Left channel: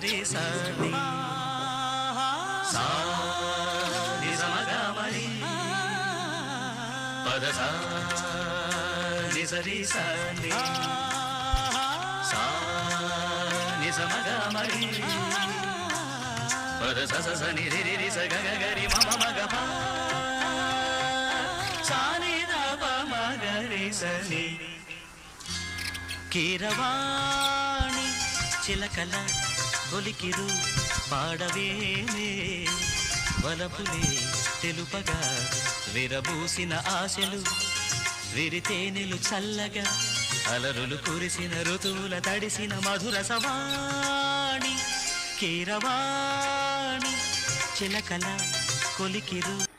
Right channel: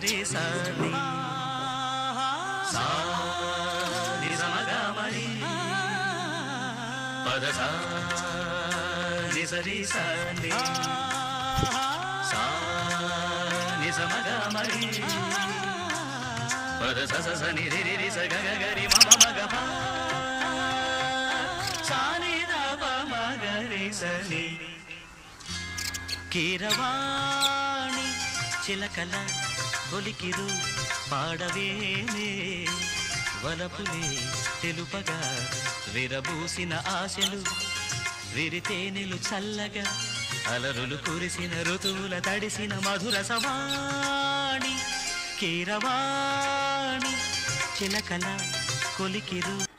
సరి సని సా ని సమగ మరి పద సా ని సరి సని సా ని సమగ మరి పద స స ని రి రి రి స గ గ గ రి మ మ మ గ ప సా ని ద ప మ గ రి స ని కీరవాణి చిలకల ఒలికిరు పాడవేనే వలపులే తెలుపగా విరబూసిన ఆశలు విరితేనెలు చల్లగా అలరులు కురిసిన ఋతువుల తడిసిన మధుర సవాణి కీరవాణి చిలకల కొలికిరు